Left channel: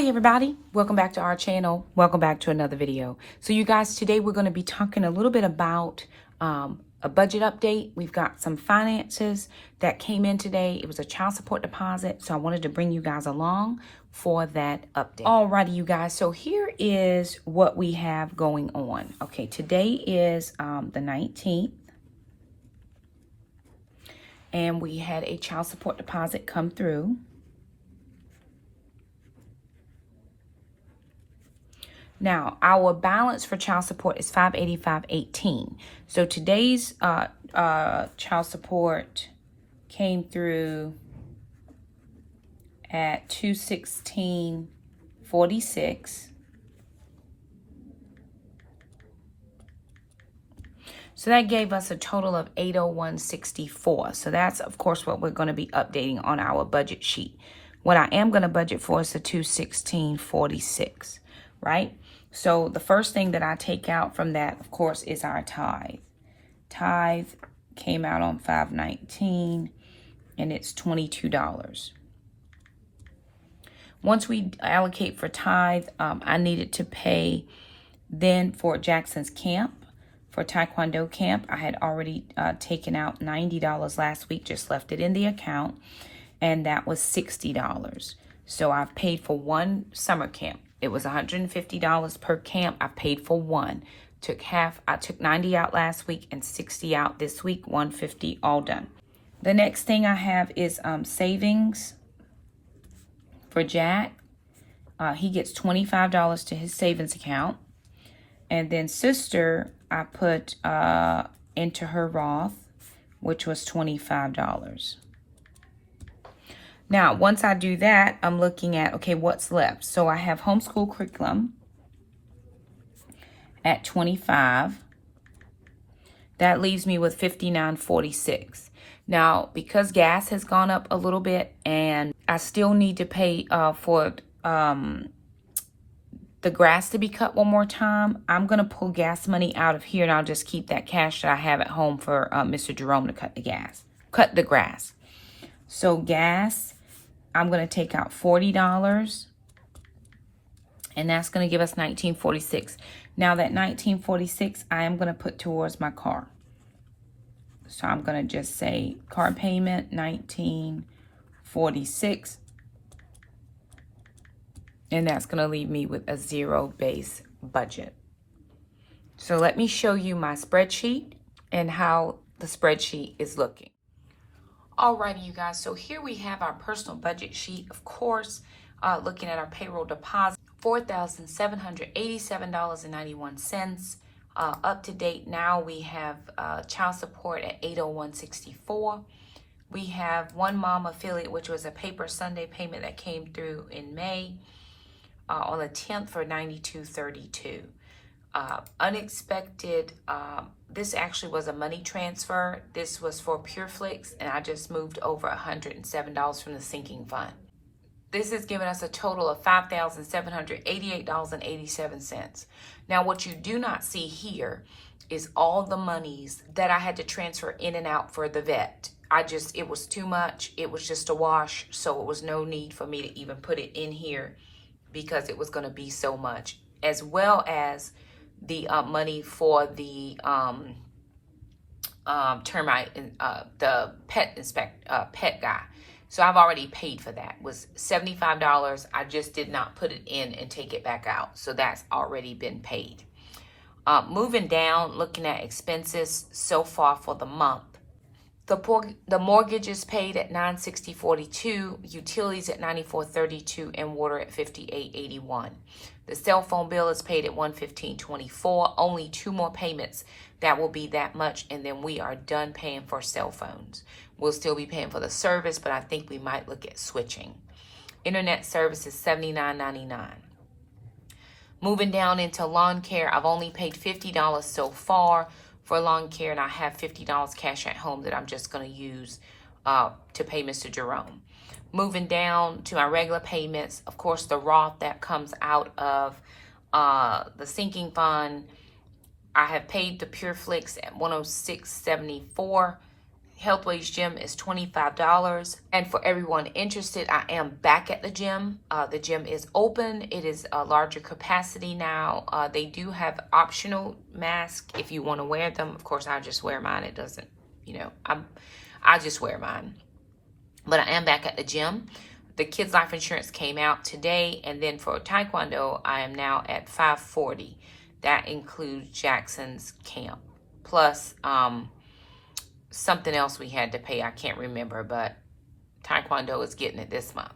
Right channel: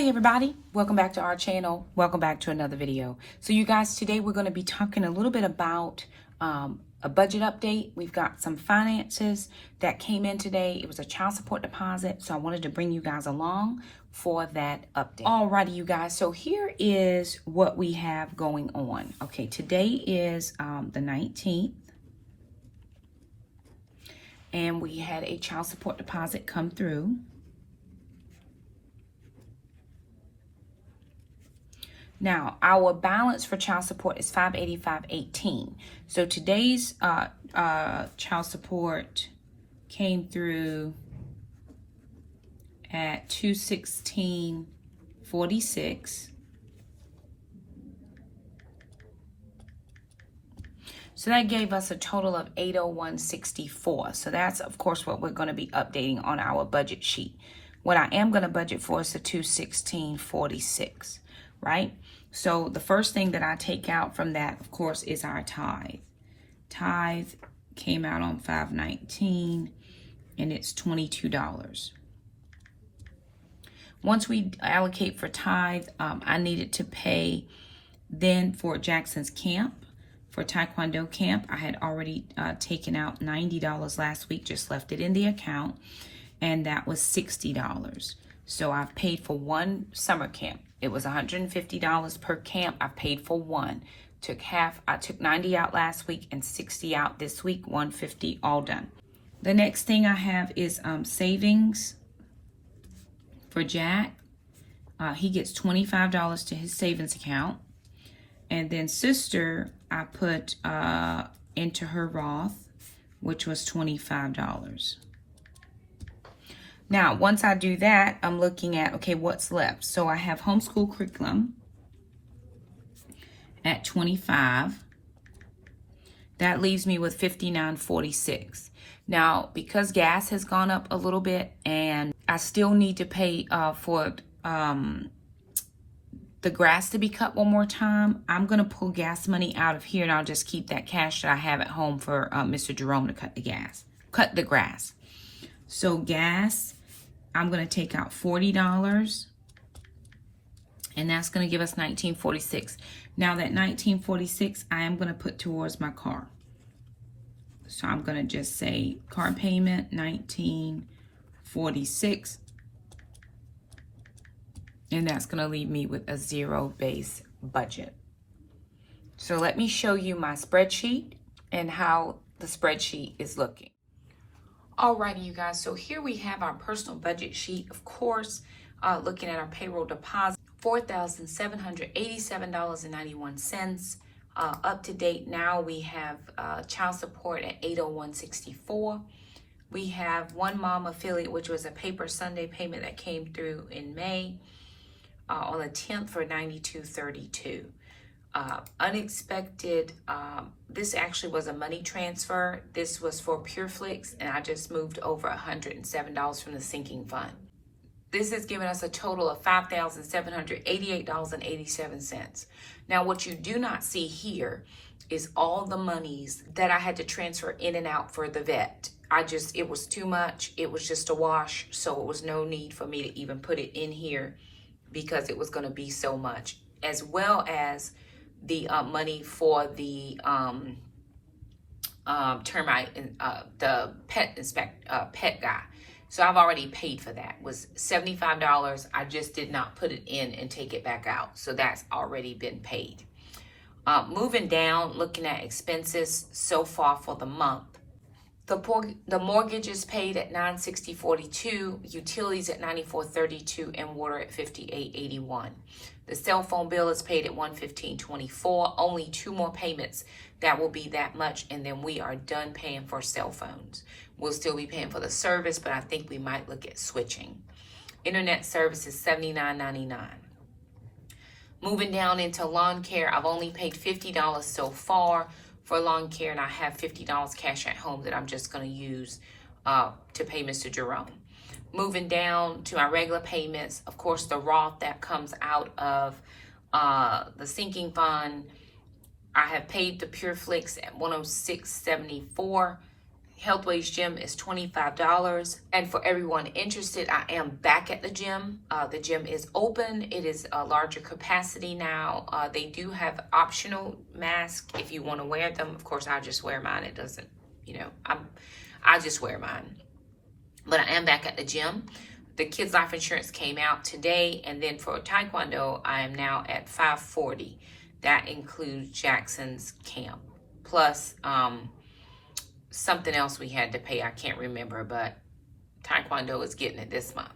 Hey everybody, welcome back to our channel. Welcome back to another video. So you guys, today we're going to be talking a little bit about a budget update. We've got some finances that came in today. It was a child support deposit, so I wanted to bring you guys along for that update. Alrighty, you guys, so here is what we have going on. Okay, today is the 19th. And we had a child support deposit come through. Now, our balance for child support is $585.18. So today's child support came through at $216.46. So that gave us a total of $801.64. So that's, of course, what we're going to be updating on our budget sheet. What I am going to budget for is the $216.46, right? So the first thing that I take out from that, of course, is our tithe. Tithe came out on $519, and it's $22. Once we allocate for tithe, I needed to pay then for Jackson's camp. For Taekwondo camp, I had already taken out $90 last week, just left it in the account, and that was $60. So I've paid for one summer camp. It was $150 per camp. I paid for one. I took 90 out last week and 60 out this week, 150 all done. The next thing I have is savings for Jack. He gets $25 to his savings account. And then sister, I put into her Roth, which was $25. Now, once I do that, I'm looking at, okay, what's left? So I have homeschool curriculum at $25. That leaves me with $59.46. Now, because gas has gone up a little bit and I still need to pay for the grass to be cut one more time, I'm going to pull gas money out of here and I'll just keep that cash that I have at home for Mr. Jerome to cut the grass. So gas, I'm going to take out $40, and that's going to give us $19.46. Now that $19.46, I am going to put towards my car. So I'm going to just say car payment, $19.46, and that's going to leave me with a zero base budget. So let me show you my spreadsheet and how the spreadsheet is looking. Alrighty, you guys, so here we have our personal budget sheet. Of course, looking at our payroll deposit, $4,787.91. Up to date now, we have child support at $801.64. We have one mom affiliate, which was a paper Sunday payment that came through in May on the 10th for $92.32. Unexpected, this actually was a money transfer. This was for PureFlix, and I just moved over $107 from the sinking fund. This has given us a total of $5,788.87. Now, what you do not see here is all the monies that I had to transfer in and out for the vet. It was too much. It was just a wash, so it was no need for me to even put it in here because it was going to be so much, as well as the money for the termite and the pet guy. So I've already paid for that. It was $75. I just did not put it in and take it back out. So that's already been paid. Moving down, looking at expenses so far for the month. The mortgage is paid at $960.42, utilities at $94.32, and water at $58.81. The cell phone bill is paid at $115.24. Only 2 more payments. That will be that much, and then we are done paying for cell phones. We'll still be paying for the service, but I think we might look at switching. Internet service is $79.99. Moving down into lawn care, I've only paid $50 so far for lawn care, and I have $50 cash at home that I'm just going to use to pay Mr. Jerome. Moving down to my regular payments, of course, the Roth that comes out of the sinking fund. I have paid the PureFlix at $106.74. Healthways Gym is $25. And for everyone interested, I am back at the gym. The gym is open. It is a larger capacity now. They do have optional masks if you want to wear them. Of course, I just wear mine. It doesn't, I just wear mine. But I am back at the gym. The kids' life insurance came out today. And then for Taekwondo, I am now at $540. That includes Jackson's camp. Plus, something else we had to pay. I can't remember, but Taekwondo is getting it this month.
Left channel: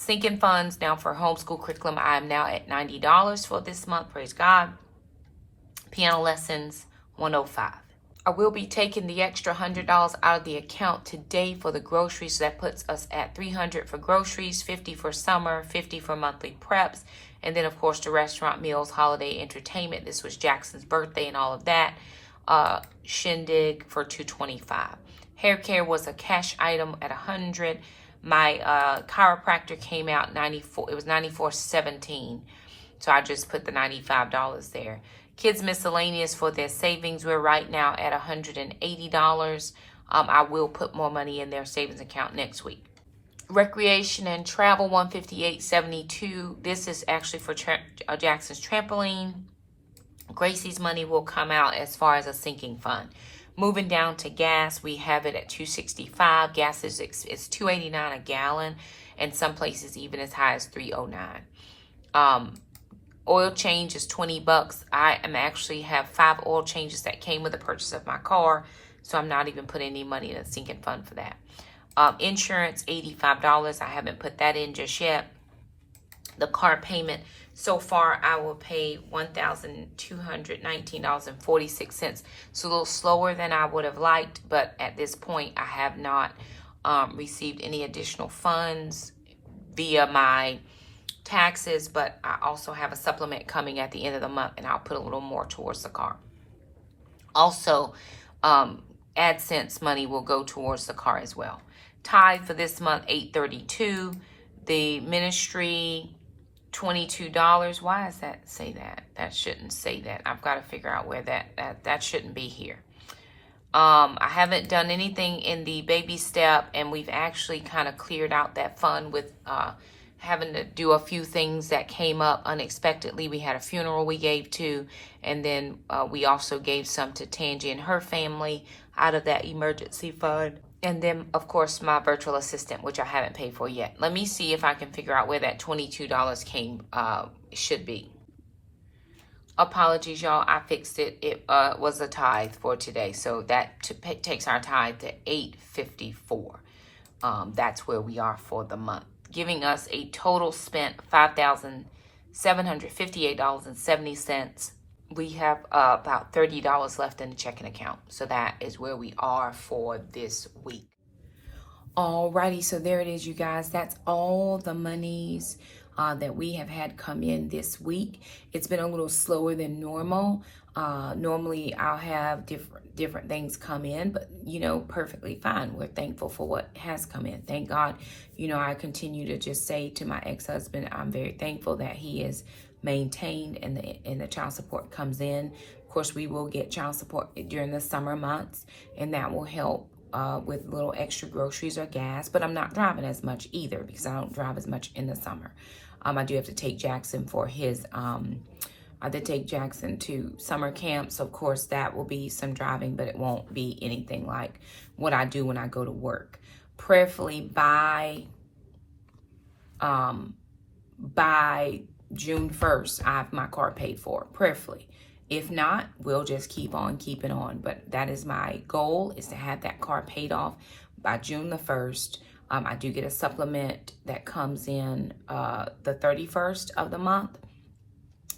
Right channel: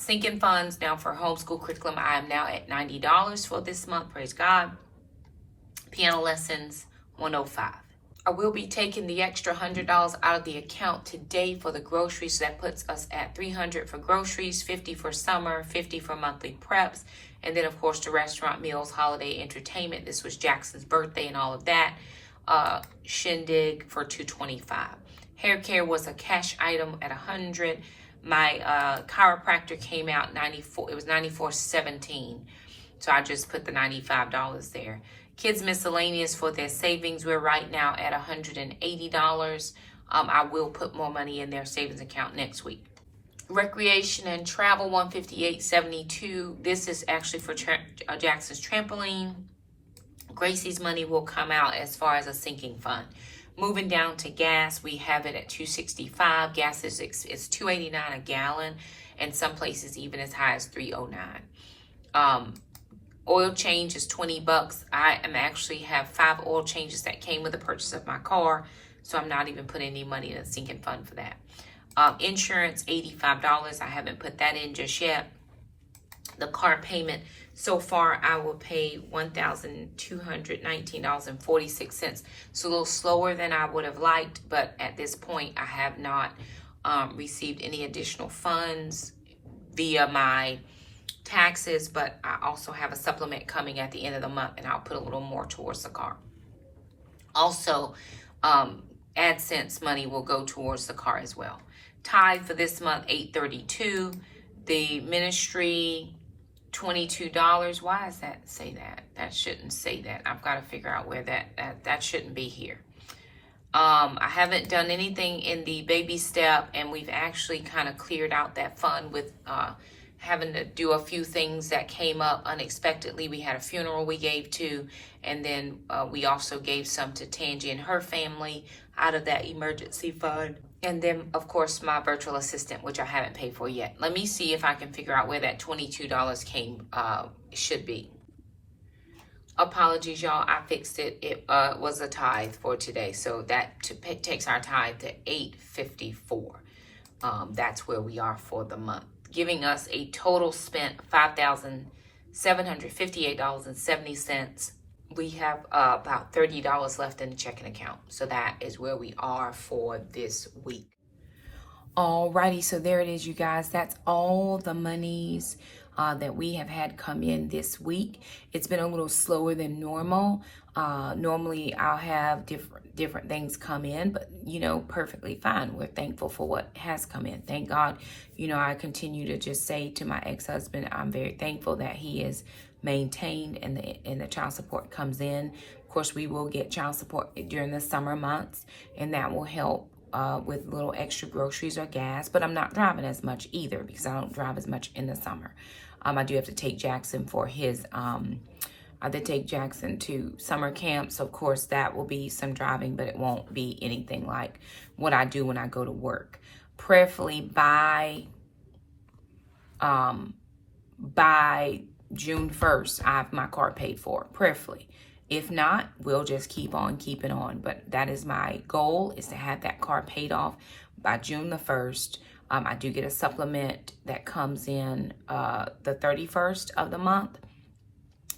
Sinking funds now for homeschool curriculum. I am now at $90 for this month. Praise God. Piano lessons, $105. I will be taking the extra $100 out of the account today for the groceries. So that puts us at $300 for groceries, $50 for summer, $50 for monthly preps. And then, of course, the restaurant meals, holiday entertainment. This was Jackson's birthday and all of that. Shindig for $225. Hair care was a cash item at $100. My chiropractor came out $94. It was $94.17. So I just put the $95 there. Kids miscellaneous for their savings, we're right now at $180. I will put more money in their savings account next week. Recreation and travel, $158.72. This is actually for Jackson's trampoline. Gracie's money will come out as far as a sinking fund. Moving down to gas, we have it at $2.65. Gas is $2.89 a gallon, and some places even as high as $3.09. Oil change is $20. I am actually have 5 oil changes that came with the purchase of my car, so I'm not even putting any money in a sinking fund for that. Insurance, $85. I haven't put that in just yet. The car payment, so far I will pay $1,219.46. It's a little slower than I would have liked, but at this point I have not received any additional funds via my taxes, but I also have a supplement coming at the end of the month, and I'll put a little more towards the car. Also, AdSense money will go towards the car as well. Tithe for this month, $832. The ministry, $22. Why does that say that? That shouldn't say that. I've got to figure out where that shouldn't be here. I haven't done anything in the baby step, and we've actually kind of cleared out that fund with having to do a few things that came up unexpectedly. We had a funeral we gave to, and then we also gave some to Tangi and her family out of that emergency fund. And then, of course, my virtual assistant, which I haven't paid for yet. Let me see if I can figure out where that $22 should be. Apologies, y'all. I fixed it. It was a tithe for today. So that takes our tithe to $854. That's where we are for the month, giving us a total spent $5,758.70. We have about $30 left in the checking account. So that is where we are for this week. Alrighty, so there it is, you guys. That's all the monies that we have had come in this week. It's been a little slower than normal. Normally I'll have different things come in, but perfectly fine. We're thankful for what has come in. Thank God. I continue to just say to my ex-husband, I'm very thankful that he is maintained and the child support comes in. Of course, we will get child support during the summer months, and that will help with little extra groceries or gas. But I'm not driving as much either because I don't drive as much in the summer. I do have to take Jackson for his I did take Jackson to summer camp, so of course that will be some driving, but it won't be anything like what I do when I go to work. Prayerfully by June 1st, I have my car paid for, prayerfully. If not, we'll just keep on keeping on. But that is my goal, is to have that car paid off by June the 1st. I do get a supplement that comes in the 31st of the month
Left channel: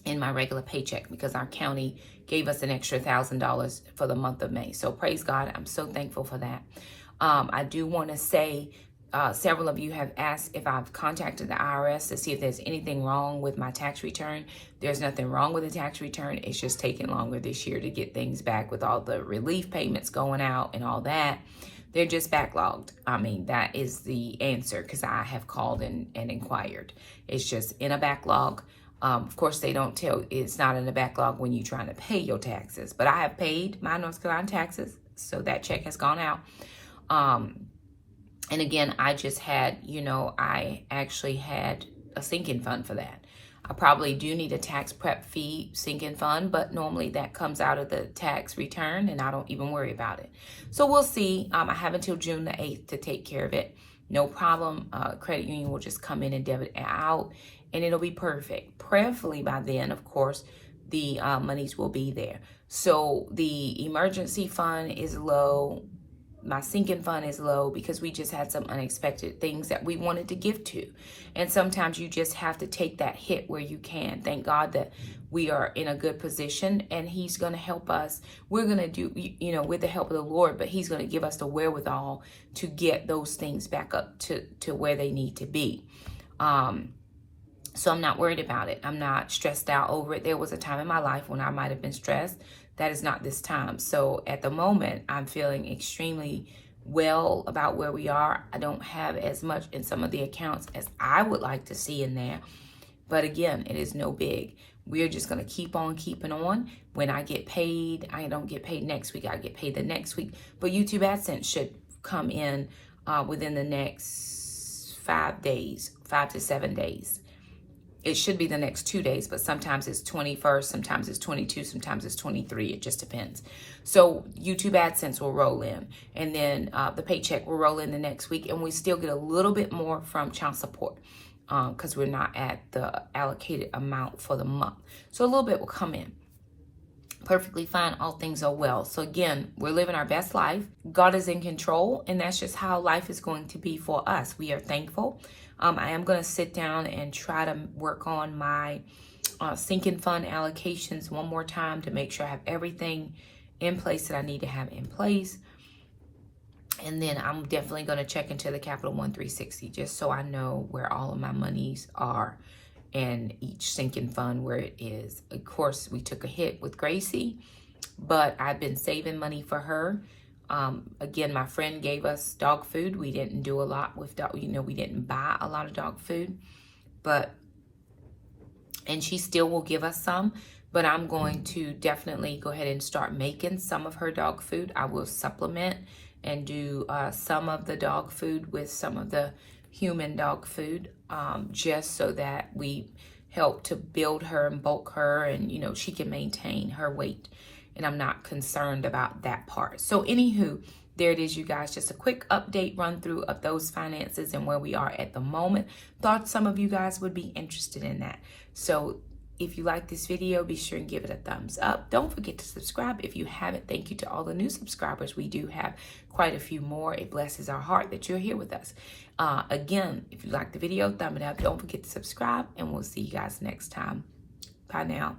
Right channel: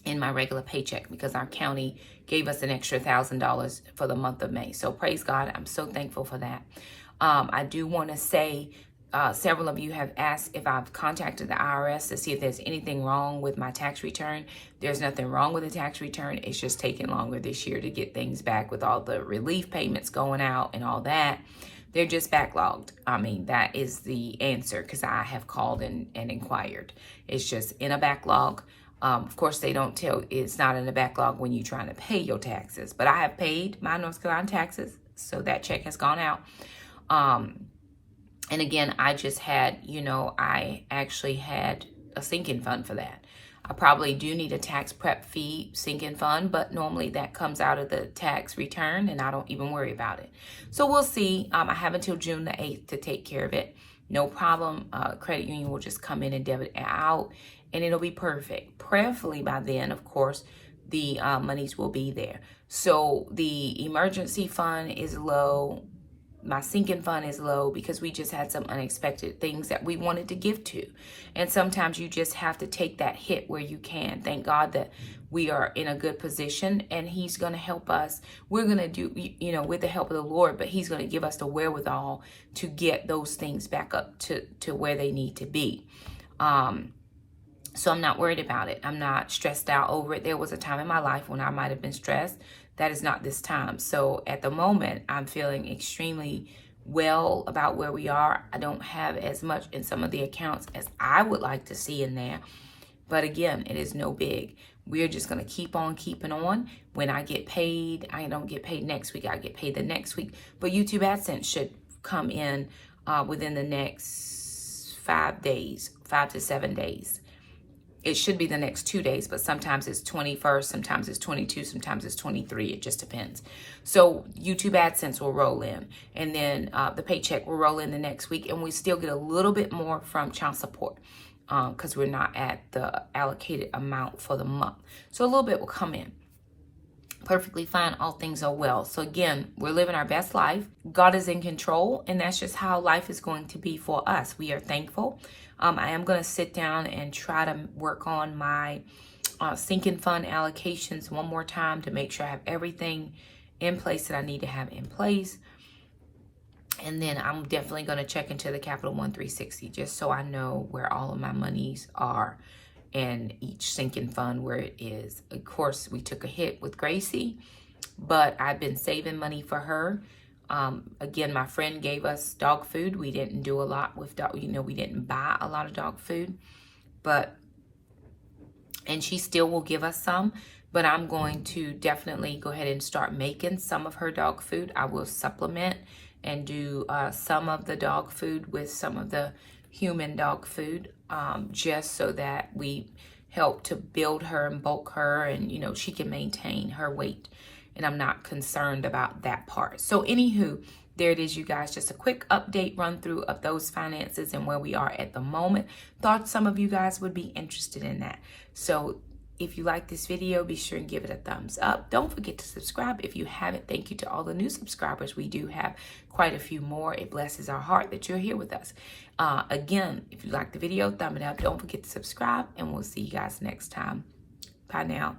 in my regular paycheck, because our county gave us an extra $1,000 for the month of May. So praise God, I'm so thankful for that. I do want to say, several of you have asked if I've contacted the IRS to see if there's anything wrong with my tax return. There's nothing wrong with the tax return. It's just taking longer this year to get things back with all the relief payments going out and all that. They're just backlogged. I mean, that is the answer, because I have called and inquired. It's just in a backlog. Of course, they don't tell, it's not in a backlog when you're trying to pay your taxes. But I have paid my North Carolina taxes. So that check has gone out. And again, I just had, I actually had a sinking fund for that. I probably do need a tax prep fee sinking fund, but normally that comes out of the tax return and I don't even worry about it. So we'll see. I have until June the 8th to take care of it. No problem. Credit union will just come in and debit it out and it'll be perfect. Prayerfully by then, of course, the monies will be there. So the emergency fund is low. My sinking fund is low because we just had some unexpected things that we wanted to give to. And sometimes you just have to take that hit where you can. Thank God that we are in a good position and he's going to help us. We're going to do, with the help of the Lord, but he's going to give us the wherewithal to get those things back up to where they need to be. So I'm not worried about it. I'm not stressed out over it. There was a time in my life when I might have been stressed. That is not this time. So at the moment, I'm feeling extremely well about where we are. I don't have as much in some of the accounts as I would like to see in there. But again, it is no big. We're just going to keep on keeping on. When I get paid, I don't get paid next week. I get paid the next week. But YouTube AdSense should come in within the next 5 to 7 days. It should be the next 2 days, but sometimes it's 21st, sometimes it's 22, sometimes it's 23. It just depends. So YouTube AdSense will roll in, and then the paycheck will roll in the next week, and we still get a little bit more from child support because we're not at the allocated amount for the month. So a little bit will come in. Perfectly fine. All things are well. So again, we're living our best life. God is in control, and that's just how life is going to be for us. We are thankful. I am going to sit down and try to work on my sinking fund allocations one more time to make sure I have everything in place that I need to have in place. And then I'm definitely going to check into the Capital One 360 just so I know where all of my monies are and each sinking fund where it is. Of course, we took a hit with Gracie, but I've been saving money for her. Again, my friend gave us dog food. We didn't do a lot with dog, we didn't buy a lot of dog food, and she still will give us some, but I'm going to definitely go ahead and start making some of her dog food. I will supplement and do some of the dog food with some of the human dog food, just so that we help to build her and bulk her and, she can maintain her weight. And I'm not concerned about that part. So anywho, there it is, you guys. Just a quick update run through of those finances and where we are at the moment. Thought some of you guys would be interested in that. So if you like this video, be sure and give it a thumbs up. Don't forget to subscribe if you haven't. Thank you to all the new subscribers. We do have quite a few more. It blesses our heart that you're here with us. Again, if you like the video, thumb it up. Don't forget to subscribe, and we'll see you guys next time. Bye now.